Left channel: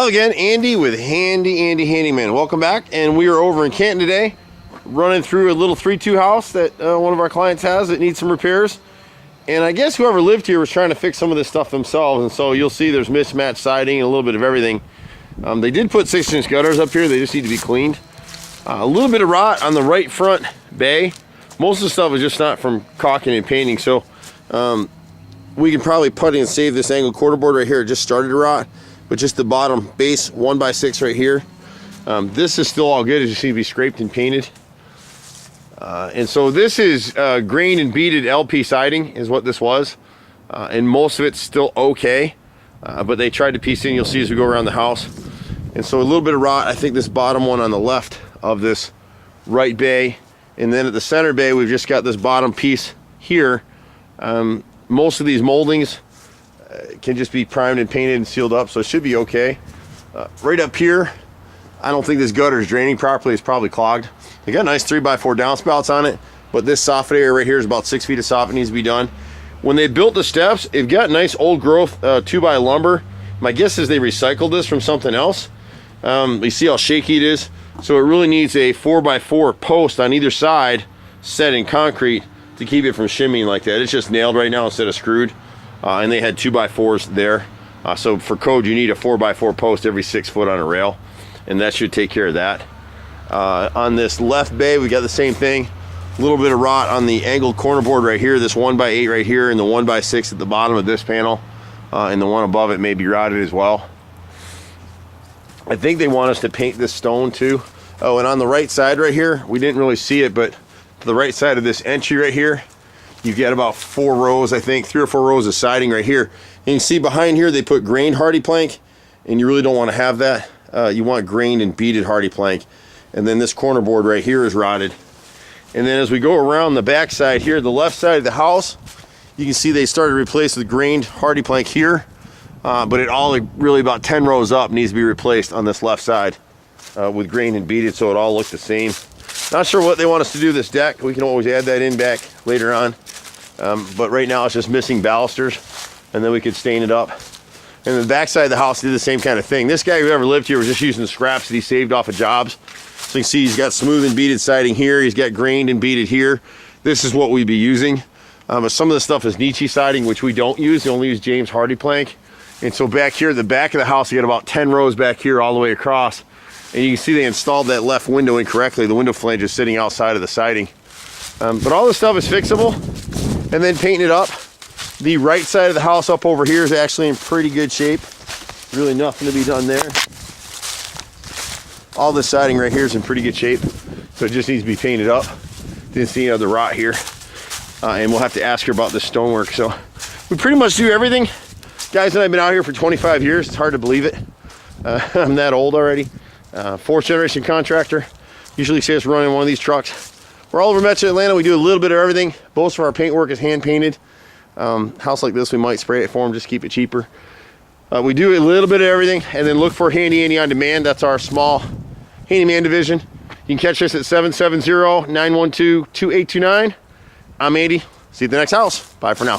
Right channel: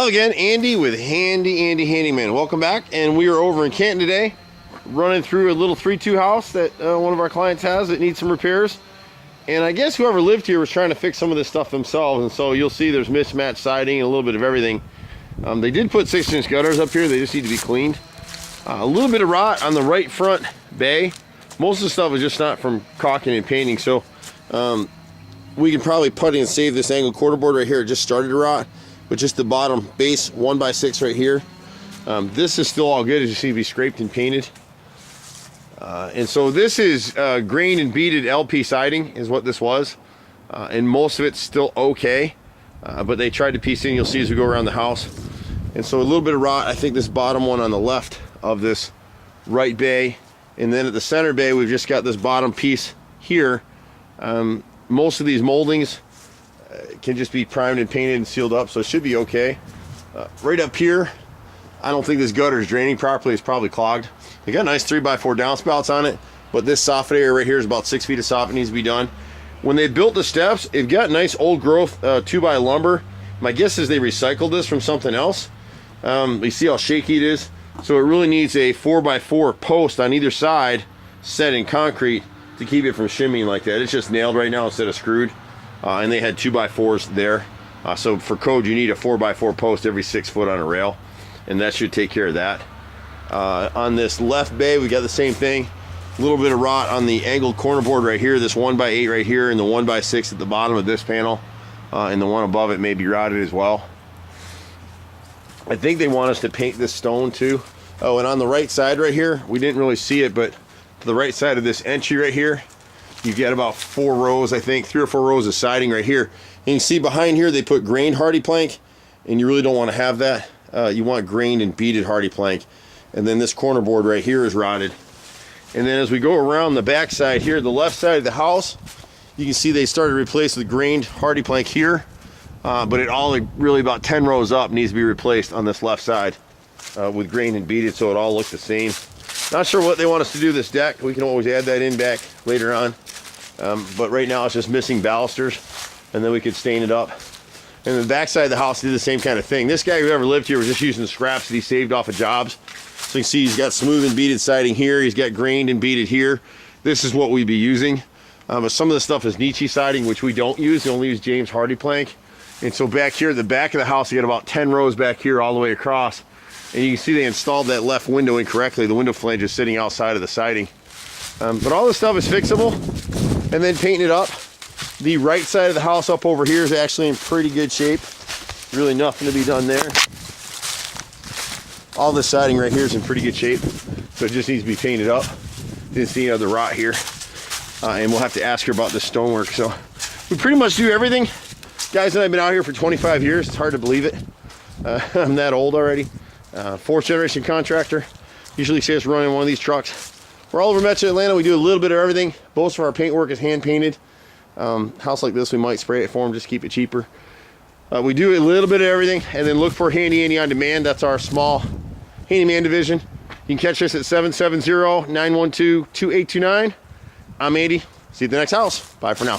Hello again, Andy with Handy Andy Handyman. Welcome back, and we are over in Canton today, running through a little 3-2 house that one of our clients has that needs some repairs. And I guess whoever lived here was trying to fix some of this stuff themselves, and so you'll see there's mismatched siding and a little bit of everything. They did put 6-inch gutters up here. They just need to be cleaned. A little bit of rot on the right front bay. Most of the stuff is just not from caulking and painting, so we can probably putty and save this angled quarter board right here. It just started to rot, but just the bottom base 1x6 right here. This is still all good. It just needs to be scraped and painted. And so this is grained and beaded LP siding is what this was. And most of it's still okay. But they tried to piece in, you'll see as we go around the house. And so a little bit of rot. I think this bottom one on the left of this right bay. And then at the center bay, we've just got this bottom piece here. Most of these moldings can just be primed and painted and sealed up, so it should be okay. Right up here, I don't think this gutter is draining properly. It's probably clogged. They got nice 3x4 downspouts on it, but this soffit area right here is about 6 feet of soffit needs to be done. When they built the steps, it got nice old growth 2x lumber. My guess is they recycled this from something else. You see how shaky it is? So it really needs a 4x4 post on either side set in concrete to keep it from shimmying like that. It's just nailed right now instead of screwed. And they had 2x4s there. So for code, you need a 4x4 post every 6 foot on a rail, and that should take care of that. On this left bay, we got the same thing. A little bit of rot on the angled corner board right here, this 1x8 right here, and the 1x6 at the bottom of this panel, and the one above it may be rotted as well. I think they want us to paint this stone too. Oh, and on the right side right here, we didn't really see it, but to the right side of this entry right here, you've got about 4 rows, I think, 3 or 4 rows of siding right here. And you can see behind here, they put grained hardy plank, and you really don't want to have that. You want grained and beaded hardy plank. And then this corner board right here is rotted. And then as we go around the back side here, the left side of the house, you can see they started to replace the grained hardy plank here. But it all, really about 10 rows up, needs to be replaced on this left side with grained and beaded, so it all looks the same. Not sure what they want us to do this deck. We can always add that in back later on. But right now it's just missing balusters, and then we could stain it up. And the back side of the house did the same kind of thing. This guy who ever lived here was just using the scraps that he saved off of jobs. So you can see he's got smooth and beaded siding here. He's got grained and beaded here. This is what we'd be using. But some of the stuff is Nietzsche siding, which we don't use. We only use James Hardy plank. And so back here at the back of the house, you got about 10 rows back here all the way across. And you can see they installed that left window incorrectly. The window flange is sitting outside of the siding. But all this stuff is fixable and then painting it up. The right side of the house up over here is actually in pretty good shape. Really nothing to be done there. All this siding right here is in pretty good shape, so it just needs to be painted up. Didn't see any other rot here. And we'll have to ask her about the stonework. So we pretty much do everything. Guys and I have been out here for 25 years. It's hard to believe it. I'm that old already. 4th generation contractor. Usually see us running one of these trucks. We're all over Metro Atlanta. We do a little bit of everything. Most of our paint work is hand painted. House like this, we might spray it for them, just keep it cheaper. We do a little bit of everything, and then look for Handy Andy on Demand. That's our small handyman division. You can catch us at 770-912-2829. I'm Andy. See you at the next house. Bye for now.